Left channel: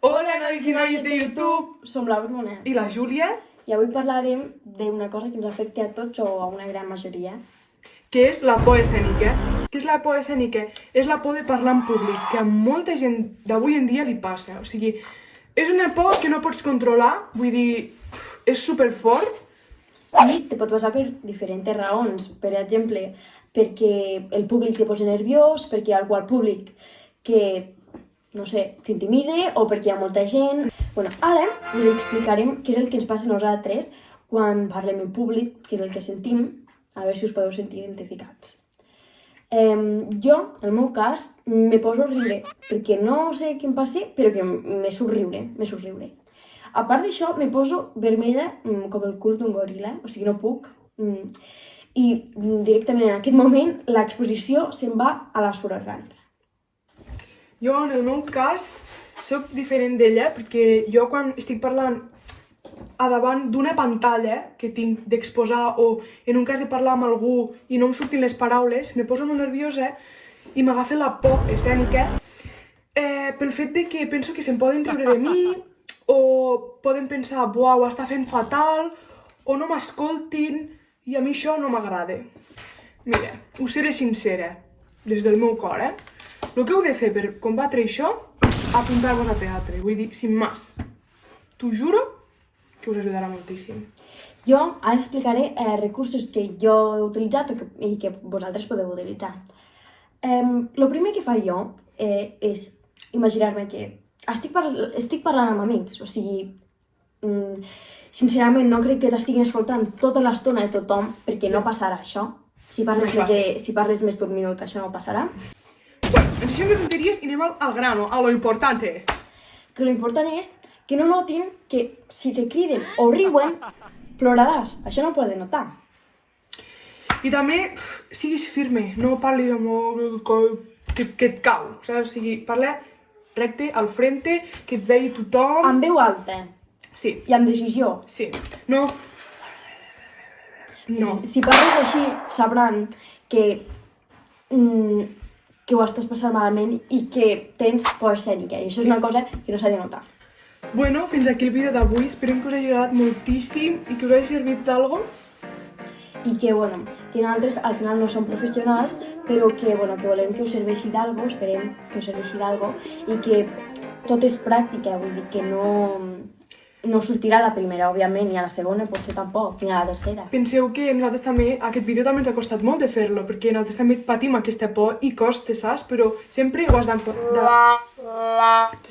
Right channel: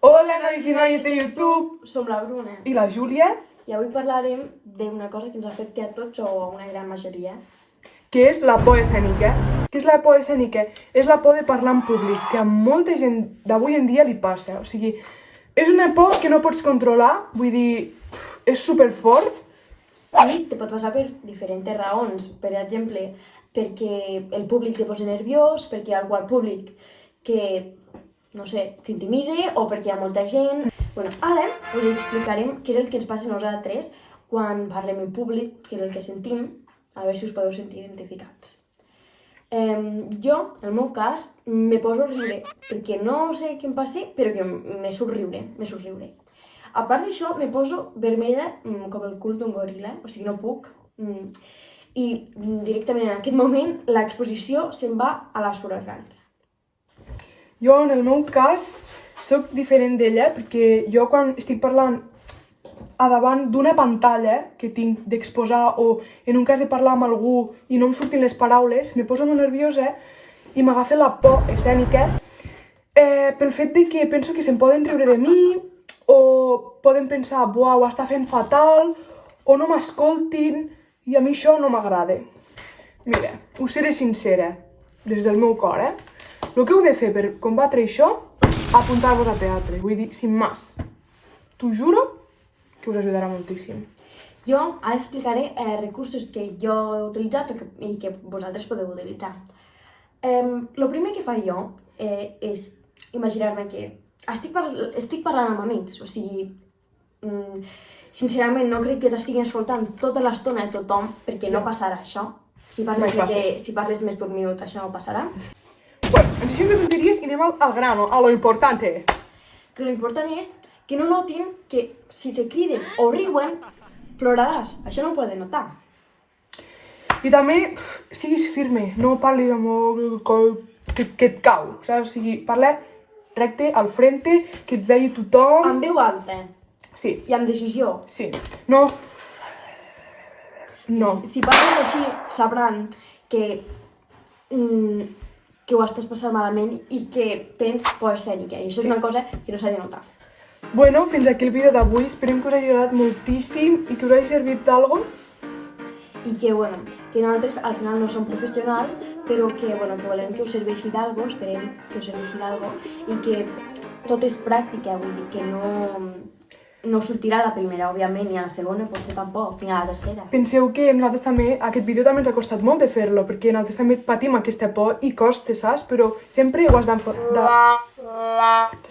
Hola, nois i noies de YouTube! Som la Bruna I la Júlia, i avui parlarem d'una cosa que ens afecta a tots o a una gran majoria. que és la por escènica. Què és la por escènica? És la por de parlar en públic, que a molta gent d'avui en dia li passa. O sigui, és una por que no pots controlar, vull dir, és superfort. I te pot passar per diferents raons. Per exemple, perquè el públic te posa nerviós, perquè hi ha algú al públic que, no sé, t'intimide o perquè hi ha molta gent. Bueno, ara us explicarem què és el que ens passa a nosaltres quan parlem en públic, què és el que sentim, a veure si us podeu sentir identificats. Jo, en el meu cas, me poso a riure, perquè no sé què em passa, però que me surt riure. A part d'això, me poso vermella com el cul d'un goril·la, o sigui, no puc. I directament en aquest moment l'exposició se'n va a la suor orgànica. Jo, en el meu cas, soc diferent d'ella, perquè jo quan estic parlant a davant d'una pantalla que tinc d'exposar o en un cas de parlar amb algú i no em surtin les paraules, me poso molt nerviosa i m'agafa la por escènica pel fet de que penso que se'n poden riure de mi o poden pensar, buah, ho està fent fatal o no m'escoltin i a mi això no m'agrada. Mira, us seré sincera, des del meu cor, el que heu de fer per combatre això, apuntar-vos a teatre, vull dir, sin más. T'ho juro que us ajudarà moltíssim. Jo ara explicaré recursos que jo he utilitzat i que vosaltres podeu utilitzar. El primer que faig jo és imaginar-me que estic parlant amb amics, o sigui, sincerament no crec que t'estiguin escoltant tota l'estona de tothom, perquè no passarà això. Si parles més d'un minut, això no passarà. Bueno, ens deixem de tonteries i anem al grano, a lo importante. Que lo important és que no notin que si te criden o riuen, ploraràs. Això no ho poden notar. I també, siguis firme, no parlis amb el que et cau, saps? O sigui, parla recte, al frente, que et vegi tothom. Amb veu alta. Sí. I amb decisió. Sí. No. No. Si parles així, sabran que ho estàs passant malament i que tens por escènica. I això és una cosa que no s'ha de notar. Bueno, fins aquí el vídeo d'avui. Esperem que us hagi agradat moltíssim i que us hagi servit d'algo. I que, bueno, que nosaltres al final no som professionals, però que, bueno, que volem que us serveixi d'algo, esperem que us serveixi d'algo, i que tot és pràctica, vull dir que no sortirà a la primera, òbviament, ni a la segona, potser tampoc, ni a la tercera. Penseu que nosaltres també, aquest vídeo també ens ha costat molt de fer-lo, perquè nosaltres també patim aquesta por i costa, saps? Però sempre ho has d'enfocar.